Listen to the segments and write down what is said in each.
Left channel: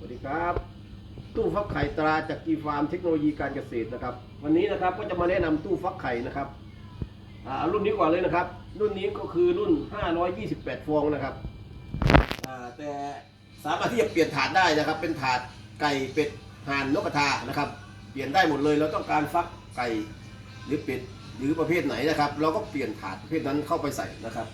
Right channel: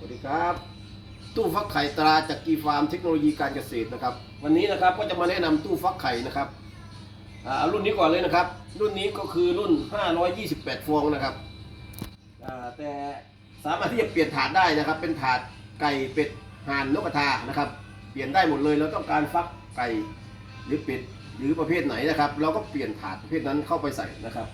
สวัสดีครับตู้ฟักไข่ตราจากกีฟาร์มเทคโนโลยีการเกษตรนะครับ วันนี้นะครับก็จะมาแนะนำตู้ฟักไข่นะครับอ่าเอารุ่นนี้ก่อนเลยนะครับ รุ่นนี้ก็คือรุ่น 528 ฟองนะครับอ่าแต่สามารถที่จะเปลี่ยนถาดได้นะครับ เป็นถาดไก่เป็ดห่านนกกระทานะครับ เปลี่ยนได้หมดเลยเราต้องการฟักไก่หรือเป็ดหรือประเภทไหนนะครับ เราก็เปลี่ยนถาดประเภทนั้นเข้าไปใส่นะครับ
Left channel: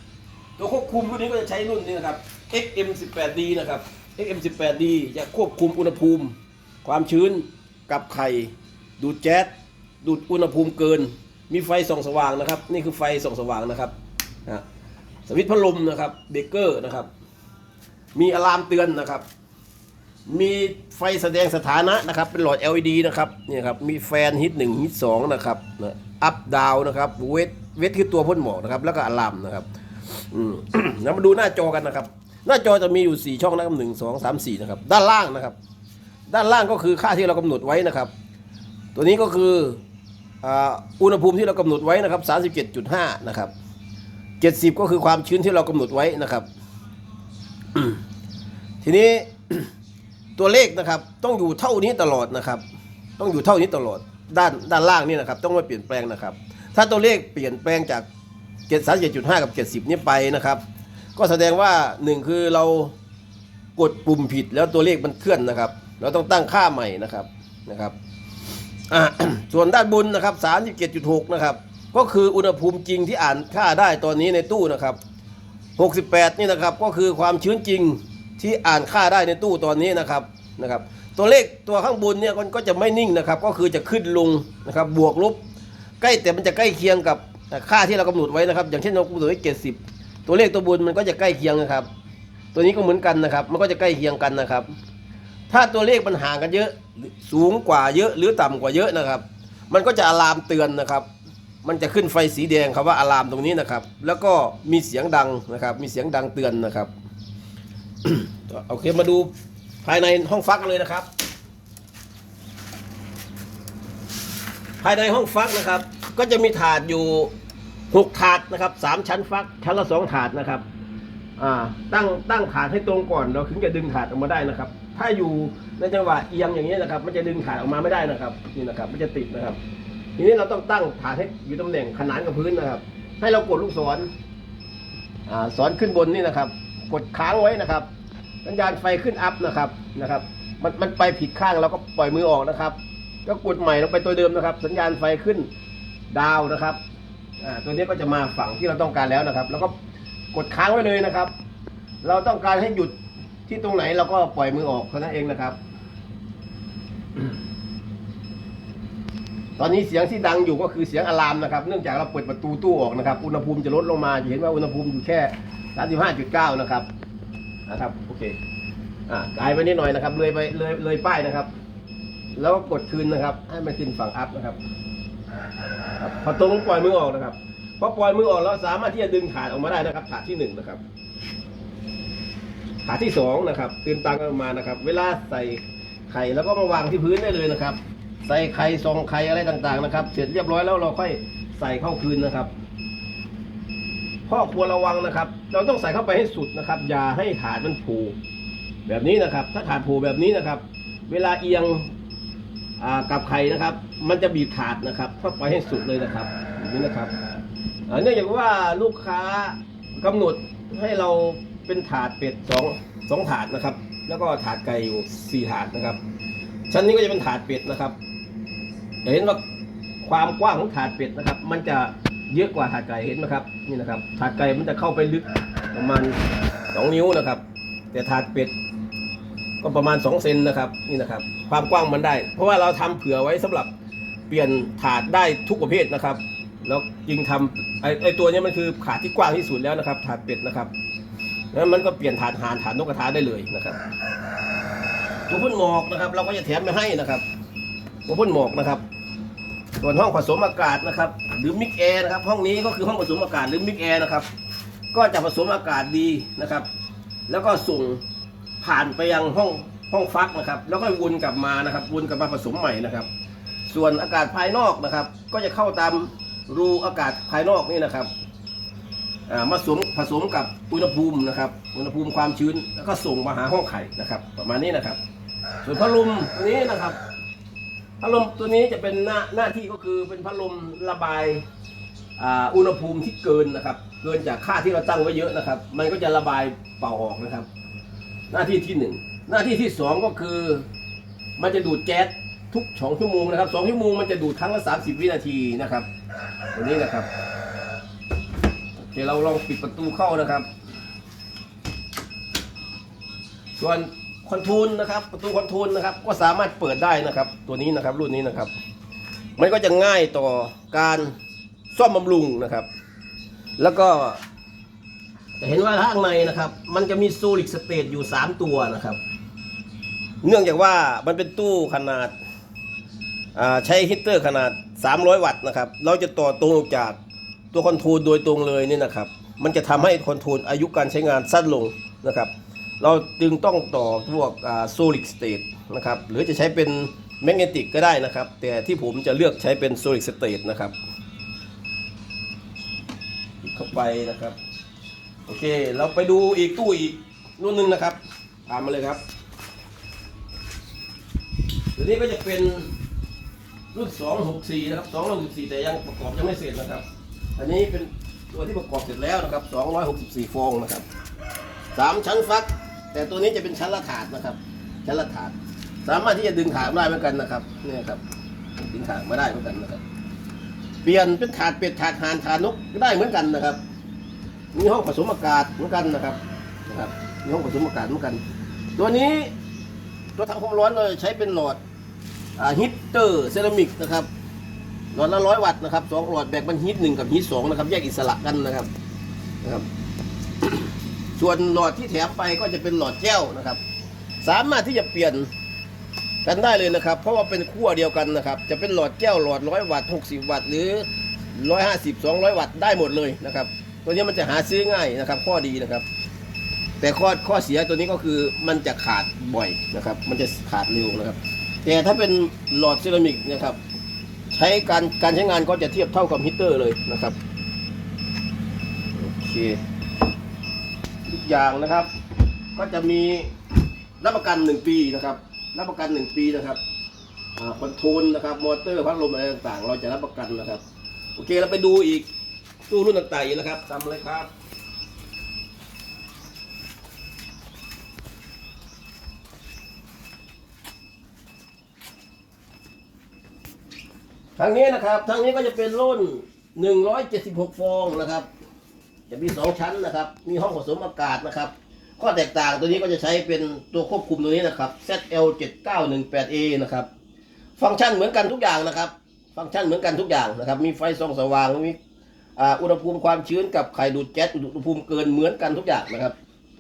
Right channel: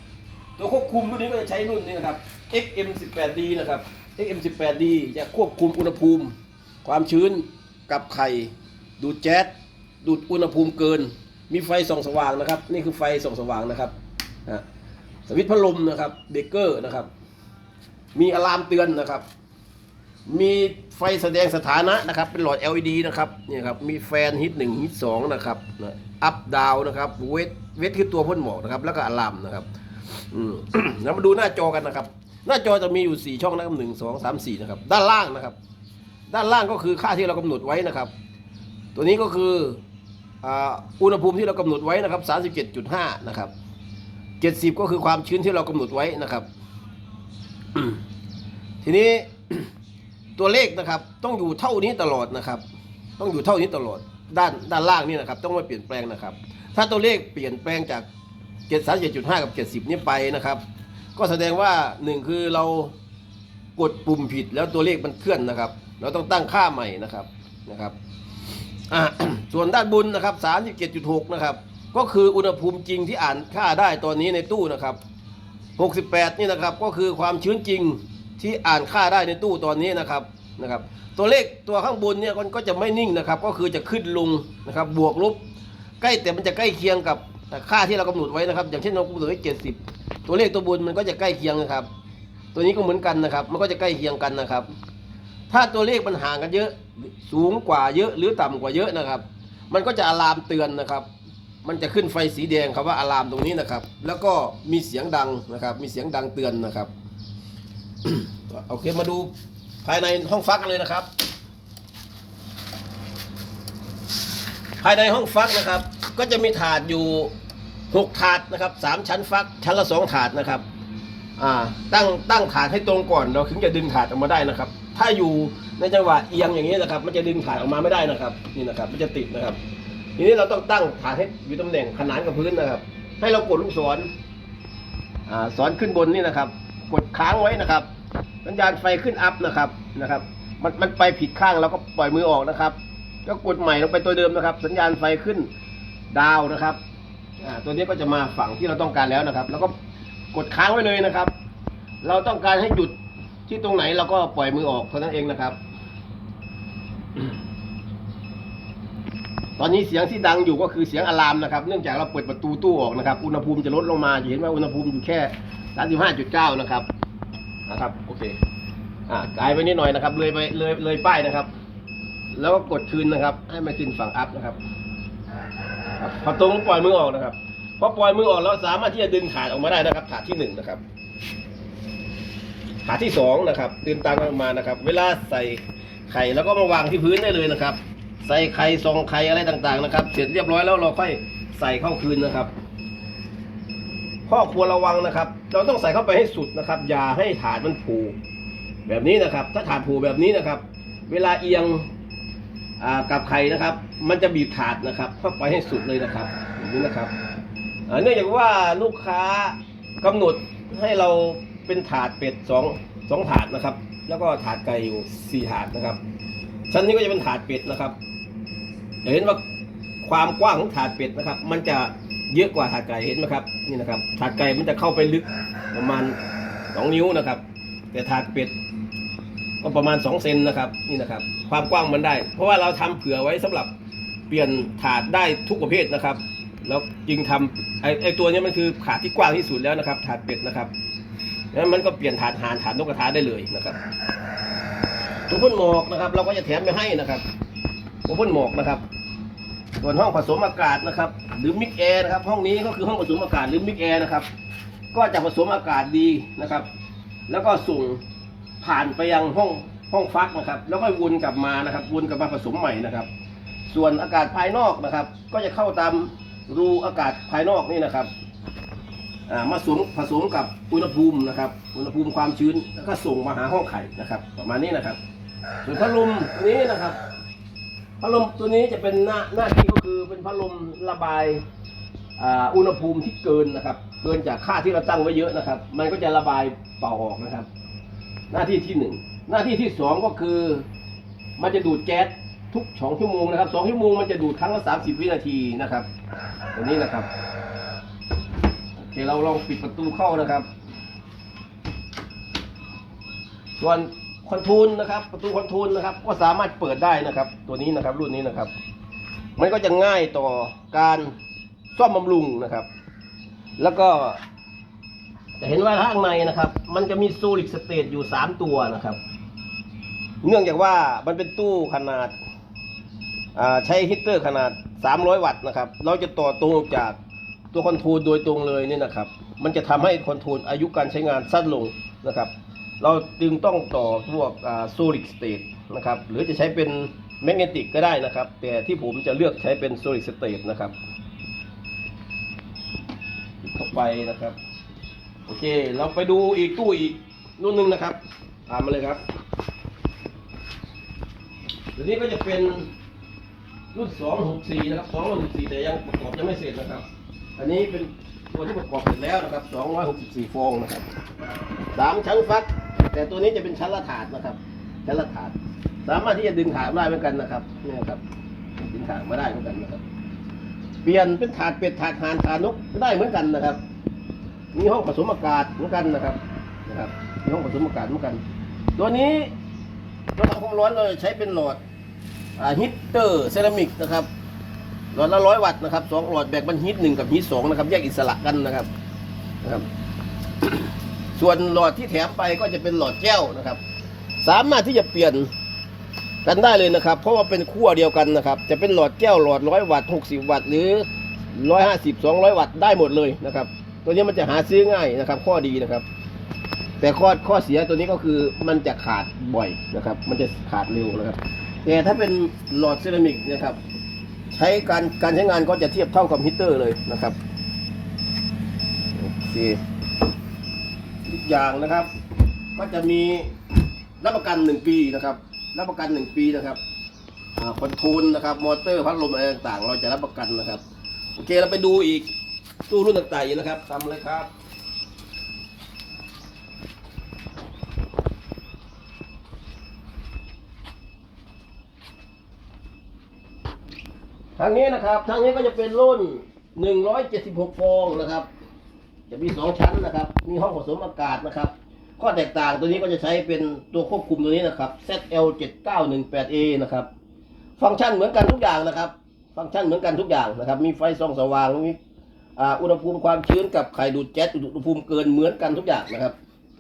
ตัวควบคุมรุ่นนี้ก็จะใช้รุ่นนี้นะครับ XM18D นะครับ XM18D จะควบคุมอุณหภูมิ ความชื้นกับไข่ดูดแก๊สดูดอุณหภูมิเกิน มีไฟส่องสว่างนะครับ นี่คือไฟส่องสว่างนะครับอะสวิตช์พัดลมนะครับเบรกเกอร์นะครับ มีอะลามเตือนนะครับ มีไฟแสดงสถานะนะครับ เป็นหลอด LED นะครับเนี่ยครับ มีแฟนฮิตหนึ่งฮิตสองนะครับอัพดาวนะครับเวทเวทคือตัวพ่นหมอกนะครับ แล้วก็อะลามนะครับ อืม แล้วมาดูหน้าจอกันนะครับ หน้าจอจะมีอยู่สี่ช่องนะครับหนึ่งสองสามสี่นะครับ ด้านล่างนะครับ ด้านล่างก็คือค่าที่เรากำหนดไว้นะครับ ตัวนี้ก็คืออ่าอุณหภูมิที่เรากำหนดไว้นะครับ37.5นะครับ70ก็คือความชื้นที่เรากำหนดไว้นะครับ ทีนี้ตัวเลขนะครับ ต้องอยู่เท่านี้ตลอดนะครับ ต้องอยู่เท่านี้ตลอดด้านด้านล่างนี่นะครับ ต้องไม่เปลี่ยนแปลงนะครับ ถ้าตัวเลขเปลี่ยนแปลงจาก 737.5กับ70นี่ไปนะครับ ก็แสดงว่าหนึ่งคือเรากดปุ่มผิดแล้วตัวเลขมันเคลื่อนนะครับ เราต้องตั้งค่าใหม่นะครับนะครับส่วนด้านบนนะครับ37.6นะครับ ก็คืออุณหภูมิจริงที่อ่านค่าได้ตอนนี้ในตู้นะครับ68นี่นะครับก็คือความชื้นจริงที่อ่านค่าได้ในตู้ตอนนี้นะครับนะครับ ตัวเลขตัวข้างบนเนี่ยมันก็จะไม่นิ่งนะครับ ก็คือจะขึ้นลงนะครับ บวกลบใกล้แต่มันจะใกล้เคียงกับ ค่าที่เรากำหนดไว้นะครับ อย่างเช่นเรากำหนดไว้70ตัวเลขตัวบนมันก็จะใกล้เคียงนะครับ ตัวนี้ก็เหมือนกันนะครับ มันก็จะใกล้เคียงกันนะครับ ถ้าตัวเลขมันห่างกันเยอะสูงกว่าเยอะหรือต่ำกว่าเยอะนะครับ มันก็จะอะลามเตือนนะครับ มันจะขึ้นไฟสีแดงครับว่าอะลามตรงนี้นะครับ แล้วก็มีเสียงดังนะครับ มีเสียงดังเตือนนะครับโอเคมาดูภายในห้องฟักกันเลยนะครับ ภายในห้องฟักนะครับ ก็จะมีถาดอยู่ หกถาดนะครับสามชั้นฟักชั้นละสองถาดนะครับอ่าตั้งตั้งถาดให้ตรงก่อนเราถึงจะดึงถาดออกมาได้นะครับ ถ้าอยู่ในจังหวะเอียงอย่างนี้นะครับ มันจะดึงถาดออกมาไม่ได้นะครับ นี่นะครับ มันจะติดนะครับ ทีนี้เราต้องตั้งถาดให้อยู่ตำแหน่งขนานกับพื้นนะครับ ให้เรากดลูกศรอ่าศรขึ้นบนนี่นะครับ กดค้างไว้นะครับสัญญาณไฟขึ้นอัพนะครับนะครับ มันมันไปผิดข้างเราก็ปล่อยมือออกนะครับ ก็กดใหม่ลงไปตัวเดิมนะครับ สัญญาณไฟขึ้นดาวนะครับ อ่าตัวนี้ก็จะมาฝั่งที่เราต้องการแล้วนะครับ แล้วก็กดค้างไว้เลยนะครับ เราต้องการให้หยุดที่ตรงไหนเราก็ปล่อยมือออกเท่านั้นเองนะครับ ตอนนี้เสียงที่ดังอยู่ก็คือเสียงอะลามนะครับ เนื่องจากเราเปิดประตูตู้ออกนะครับ อุณหภูมิจะลดลงมาจะเห็นว่าอุณหภูมิอยู่แค่ 35.9 นะครับ นะครับ โอเค อ่ากายไปนิดหน่อยนะครับ เลยไปเลยเลยป้ายนะครับ แล้วก็กดคืนนะครับ ให้มันขึ้นฝั่งอัพนะครับ พอตรงปล่อยมือออกนะครับพอปล่อยมือออกเราสามารถที่จะดึงถาดออกมาได้นะครับถาดที่หนึ่งนะครับถาดที่สองนะครับตื่นตามกันออกมานะครับ เวลาใส่ไข่แล้วก็มาวางที่พื้นได้เลยนะครับ ใส่ไข่ซองไข่อะไรต่างๆนะครับ เสร็จเรียบร้อยแล้วเราค่อยใส่เข้าคืนนะครับข้อควรระวังนะครับ เราต้องใส่เข้าไปให้สุดนะครับ อย่าให้ถาดมันผูแบบนี้นะครับ ถ้าถาดผูแบบนี้นะครับ เวลาเอียง กับไข่นะครับ มันจะบีบถาดนะครับเข้าไปให้สุดเลยนะครับอย่างนี้นะครับเนื่องจากว่าลูกค้ากำหนดให้เราเป็นถาดเป็ดสองสองถาดนะครับ แล้วก็ถาดไก่อยู่สี่ถาดนะครับ ชั้นนี้ก็จะเป็นถาดเป็ดนะครับเห็นว่าความกว้างของถาดเป็ดนะครับ มันจะเยอะกว่าถาดไก่เห็นไหมครับนี่นะครับ ถาดไก่มันจะเข้าไปลึกประมาณสองนิ้วนะครับ แต่ถาดเป็ด ก็ประมาณ 2 เซนนะครับนี่นะครับ ความกว้างมันได้ เพราะว่าเราทำเผื่อไว้สำหรับเปลี่ยนถาดได้ทุกประเภทนะครับ แล้วจึงทำไอ้ไอตัวนี้มันคือถาดที่กว้างที่สุดแล้วนะครับ ถาดเป็ดนะครับแล้วมันก็เปลี่ยนถาดหานถาดนกกระทาได้เลยนะครับตัวพ่นหมอกนะครับ เราก็จะแถมไปให้นะครับตัวพ่นหมอกนะครับส่วนห้องผสมอากาศนะครับ หรือมิกแอร์นะครับ ห้องนี้ก็คือห้องผสมอากาศหรือมิกแอร์นะครับ ก็จะผสมอากาศดีนะครับ แล้วก็ส่ง ผ่านไปยังห้องห้องฟักนะครับ แล้วก็วนกลับมานะครับ วนกลับมาผสมใหม่นะครับ ส่วนอากาศภายนอกนะครับ ก็จะเข้าตามรูอากาศภายนอกนี่นะครับมาสมผสมกับอุณหภูมินะครับ อุณหภูมิความชื้นแล้วก็ส่งมาหาห้องไข่นะครับ ประมาณนี้นะครับ ส่วนพัดลมนี้นะครับพัดลมตัวนี้จะเป็นหน้าหน้าที่ก็คือเป็นพัดลมระบายอุณหภูมิที่เกินนะครับ เกินจากค่าที่เราตั้งไว้เยอะนะครับ มันก็จะระบายเป่าออกนะครับ หน้าที่ที่หนึ่งหน้าที่ที่สองก็คือมันจะดูดแก๊สทุกสองชั่วโมงนะครับสองชั่วโมงมันจะดูดครั้งละสามสิบวินาทีนะครับตัวนี้นะครับโอเคเราลองปิดประตูเข้านะครับ ส่วนคอนโทรลนะครับ ประตูคอนโทรลนะครับ ก็สามารถเปิดได้นะครับ ตัวนี้นะครับรุ่นนี้นะครับ มันก็จะง่ายต่อการซ่อมบำรุงนะครับ แล้วก็ จะเห็นว่าข้างในนะครับ มันจะมีโซลิดสเตตอยู่ 3 ตัวนะครับ เนื่องจากว่ามันเป็นตู้ขนาดาใช้ฮีตเตอร์ขนาด 300 วัตต์นะครับ เราจะต่อตรงจากตัวคอนโทรลโดยตรงเลยนี่นะครับ มันจะทำให้คอนโทรลอายุการใช้งานสั้นลงนะครับ เราจึงต้องต่อพวกโซลิดสเตตนะครับ หรือจะใช้เป็นแมกเนติกก็ได้นะครับ แต่ที่ผมจะเลือกใช้เป็นโซลิดสเตตนะครับ เข้าไปนะครับ โอเค เราไปดูอีกตู้อีกรุ่นหนึ่งนะครับตามมาเลยครับเดี๋ยวนี้ก็จะเป็นรุ่น 264 นะครับ 264 แต่ยังประกอบยังไม่เสร็จนะครับ อันนี้เป็นตัวที่ประกอบเสร็จแล้วนะครับ 264 ฟองนะครับสามชั้นฟัก แต่ตัวนี้จะเป็นชั้นละถาดนะครับ ชั้นละถาด สามารถที่จะดึงถาดได้เหมือนกันนะครับ เนี่ยครับ ดึงถาดมาได้เหมือนกันนะครับ เปลี่ยนเป็นถาดเป็ดถาดหานถาดนกก็ได้เหมือนกันนะครับ มีห้องผสมอากาศเหมือนกันนะครับนะครับมีห้องผสมอากาศเหมือนกัน ตัวนี้ตัวทำความร้อนเราใช้เป็นหลอดฮิตเตอร์เซรามิกนะครับหลอดละร้อยวัตต์นะครับสองหลอดแบ่งเป็นฮีทหนึ่งกับฮีทสองนะครับแยกอิสระกันนะครับนะครับ ส่วนหลอดที่แถมไปก็จะเป็นหลอดแก้วนะครับ สามารถที่จะเปลี่ยนกันได้เลยนะครับ เพราะว่าเป็นขั้วเดียวกันนะครับ จะเป็นหลอดแก้วหลอดร้อยวัตต์หกสิบวัตต์หรือร้อยห้าสิบสองร้อยวัตต์ได้หมดเลยนะครับ ตัวนี้มันจะหาซื้อง่ายนะครับ ข้อดีนะครับ แต่ข้อข้อเสียตัวนี้ก็คือมันจะขาดบ่อยนะครับ มันจะขาดเร็วนะครับ แต่ถ้าเป็นหลอดเซรามิกนะครับ ใช้การการใช้งานก็จะเทียบเท่ากับฮีตเตอร์เลยนะครับโอเคทุกอย่างนะครับ ก็จะมีรับประกันหนึ่งปีนะครับรับประกันหนึ่งปีนะครับอ่าคอนโทรลนะครับ มอเตอร์พัดลมอะไรต่างๆ เราจะรับประกันนะครับ โอเคเราไปดูอีก ตู้รุ่นต่างๆอีกนะครับตามมาเลยครับทางนี้นะครับทางนี้ก็จะเป็นรุ่น 176 ฟองนะครับ จะมี 2 ชั้นนะครับ มีห้องผสมอากาศนะครับ ข้อแตกต่างตัวนี้ก็จะใช้เป็นตัวควบคุมตัวนี้นะครับ ZL7918A นะครับ ฟังก์ชันเหมือนกันทุกอย่างนะครับ ฟังก์ชันเหมือนกันทุกอย่างนะครับ มีไฟส่องสว่าง มี อ่าอุณหภูมิความชื้นกับไข่ดูดแก๊สอุณหภูมิเกินเหมือนกันทุกอย่างนะครับ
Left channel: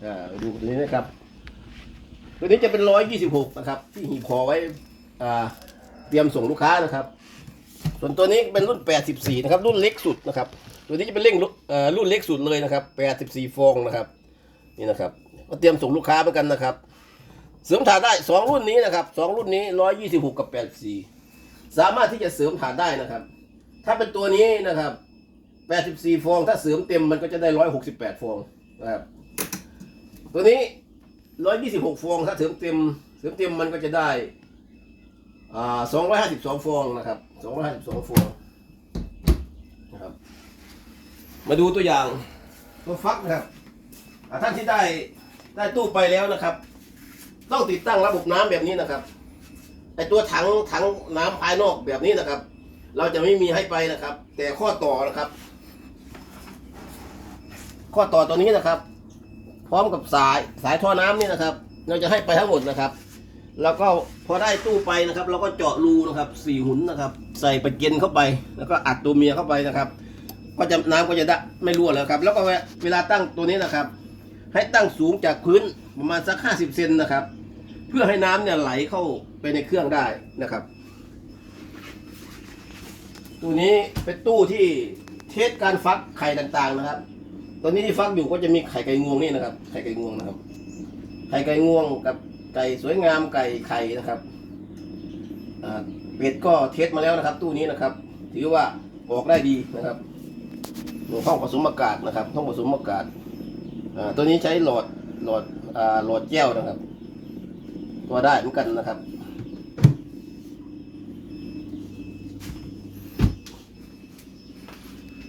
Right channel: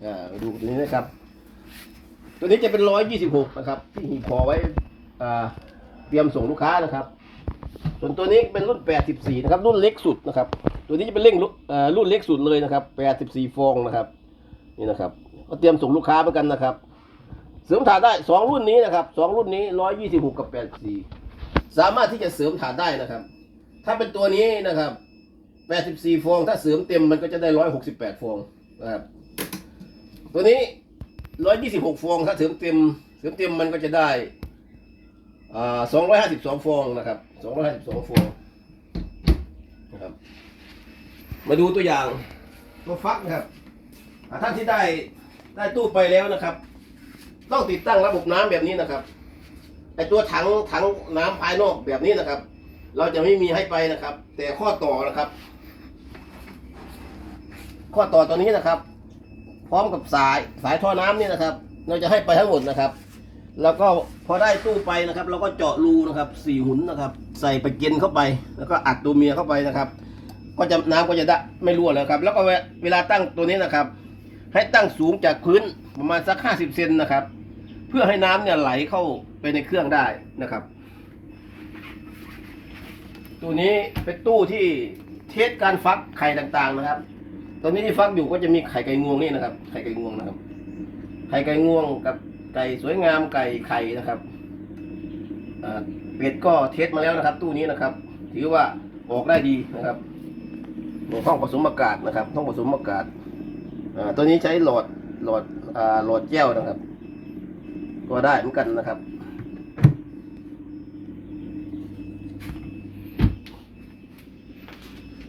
อ่าดูตัวนี้นะครับ ตัวนี้จะเป็น126นะครับ ที่หีบพอไว้อ่าเตรียมส่งลูกค้านะครับ ส่วนตัวนี้เป็นรุ่น84นะครับ รุ่นเล็กสุดนะครับ ตัวนี้จะเป็นเร่งรุ่นเล็กสุดเลยนะครับ84ฟองนะครับ นี่นะครับ ก็เตรียมส่งลูกค้าเหมือนกันนะครับ เสริมฐานได้2รุ่นนี้นะครับ2รุ่นนี้126กับ84สามารถที่จะเสริมฐานได้นะครับ ถ้าเป็นตัวนี้นะครับ 84 ฟอง ถ้าเสริมเต็มมันก็จะได้ 168 ฟองนะครับ ตัวนี้ 126 ฟอง ถ้าเสริมเต็ม เสริมเต็มมันก็จะได้อ่าสองร้อยห้าสิบสองฟองนะครับสองร้อยห้าสิบสองฟองนะครับ มาดูตัวอย่างตัวฟักนะครับอ่าท่านที่ได้ได้ตู้ไปแล้วนะครับ ต้องติดตั้งระบบน้ำแบบนี้นะครับไอตัวถังถังน้ำภายนอกแบบนี้นะครับ เราจะไม่มีให้ไปนะครับ แต่ข้อต่อนะครับ ข้อต่อตัวนี้นะครับ พร้อมกับสายสายท่อน้ำนี่นะครับ เราจะให้ไปทั้งหมดนะครับ แล้วก็พอได้ตู้ไปนะครับ เราก็เจาะรูนะครับสี่หุนนะครับ ใส่ไปเกนเข้าไป แล้วก็อัดตัวเมียเข้าไปนะครับ ก็จะน้ำก็จะได้ไม่รั่วแล้วครับ แล้วก็เวลาตั้งตัวนี้นะครับ ให้ตั้งสูงจากพื้นประมาณสักห้าสิบเซนนะครับ เพื่อให้น้ำเนี่ยไหลเข้าไปในเครื่องได้นะครับตู้นี้เป็นตู้ที่เทสการฟักไข่ต่างๆนะครับ ตัวนี้ที่ฟักอยู่ก็จะมีไข่ไก่งวงนี่นะครับ ไข่ไก่งวงนะครับ ไข่ไก่งวงกับไก่สวยงามไก่ไข่นะครับเป็ดก็เทสมาแล้วนะครับ ตู้นี้นะครับ ถือว่าออกได้ดีนะครับห้องผสมอากาศนะครับห้องผสมอากาศตัวนี้ใช้หลอดหลอดหลอดแก้วนะครับ ก็ได้เหมือนกันนะครับ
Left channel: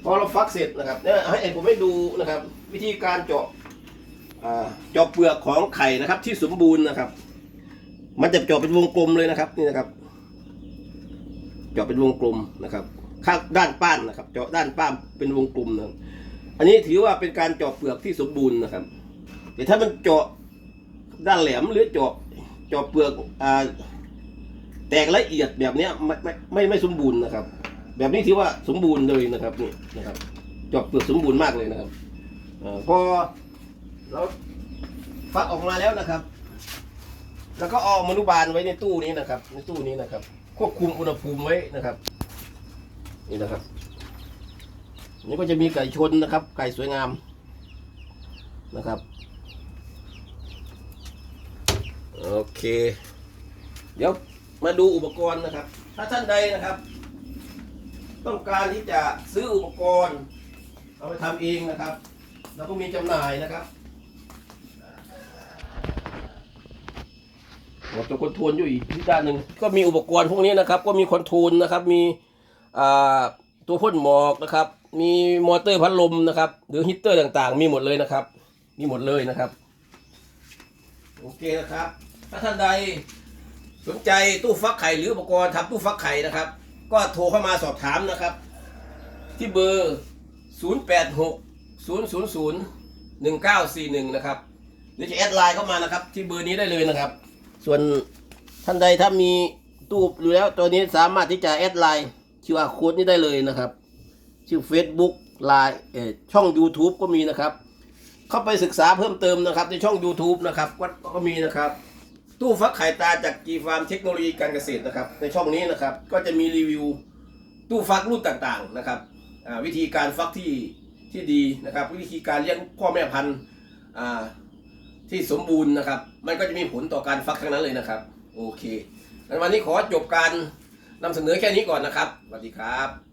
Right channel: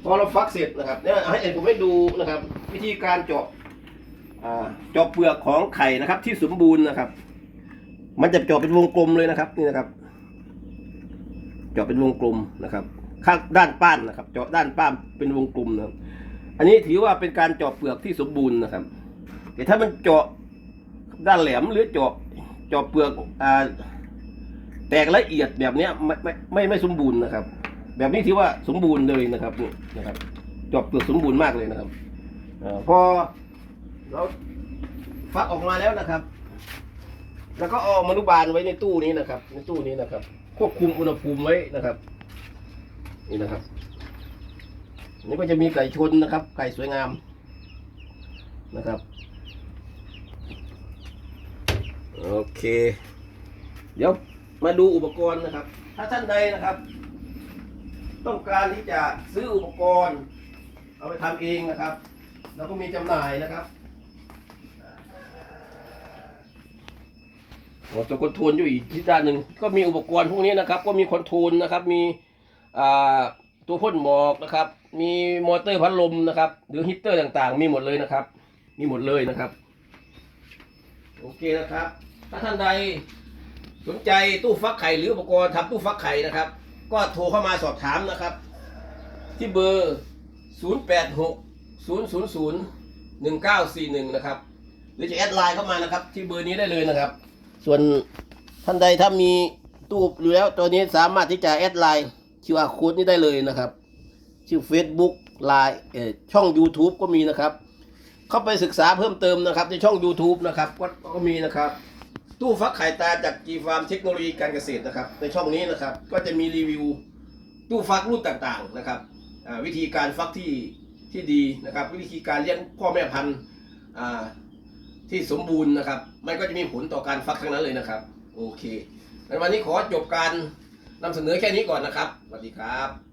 พอเราฟักเสร็จนะครับเนี่ยให้ผมให้ดูนะครับ วิธีการเจาะเจาะเปลือกของไข่นะครับ ที่สมบูรณ์นะครับ มันจะเจาะเป็นวงกลมเลยนะครับนี่นะครับ เจาะเป็นวงกลมนะครับ ข้างด้านป้านนะครับ เจาะด้านป้านเป็นวงกลมนะครับ อันนี้ถือว่าเป็นการเจาะเปลือกที่สมบูรณ์นะครับแต่ถ้ามันเจาะด้านแหลมหรือเจาะเจาะเปลือกอแตกละเอียดแบบนี้ไม่ไม่ไม่สมบูรณ์นะครับ แบบนี้ถือว่าสมบูรณ์เลยนะครับนี่นะครับจาะเปลือกสมบูรณ์มากเลยนะครับอพอเราฟักออกมาแล้วนะครับ แล้วก็เอามนุบาลไว้ในตู้นี้นะครับ ในตู้นี้นะครับ ควบคุมอุณหภูมิไว้นะครับ นี่นะครับนี่ก็จะมีไก่ชนนะครับ ไก่สวยงามนะครับโอเค เดี๋ยวมาดูอุปกรณ์นะครับ ถ้าท่านใดนะครับ ต้องการที่จะซื้ออุปกรณ์เอาไปทำเองนะครับแล้วก็มีจำหน่ายนะครับโอ้ตัวคอนโทรลอยู่อีกที่ด้านหนึ่งก็มีอุปกรณ์พวกนี้นะครับ ก็มีคอนโทรลนะครับ มีตัวพ่นหมอกนะครับ มีมอเตอร์พัดลมนะครับ หรือฮีตเตอร์ต่างๆ มีหมดเลยนะครับ มีหมดเลยนะครับ โอเคนะครับ ถ้าท่านใดสนใจตู้ฟักไข่หรืออุปกรณ์ทำตู้ฟักไข่นะครับ ก็โทรเข้ามาสอบถามนะครับ ที่เบอร์ 086 000 1941 นะครับ หรือจะแอดไลน์เข้ามานะครับ ที่เบอร์นี้ได้เลยนะครับ ส่วนท่านใดถ้ามีตู้อยู่แล้วตัวนี้สามารถที่จะแอดไลน์ QR code นี้ได้เลยนะครับ ชื่อ Facebook ไลน์เอช่อง YouTube ก็มีนะครับ เข้าไปศึกษาเพิ่มเติมนะครับ ในช่อง YouTube นะครับก็ก็มีนะครับ ตู้ฟักไข่ตาจากจีฟาร์มเทคโนโลยีการเกษตรนะครับ ในช่องนี้นะครับ ก็จะมีรีวิวตู้ฟักรุ่นต่างๆนะครับวิธีการฟักที่ที่ดีนะครับ วิธีการเลี้ยงพ่อแม่พันธุ์ที่สมบูรณ์นะครับ มันก็จะมีผลต่อการฟักทั้งนั้นเลยนะครับ โอเคงั้นวันนี้ขอจบการนำเสนอแค่นี้ก่อนนะครับสวัสดีครับ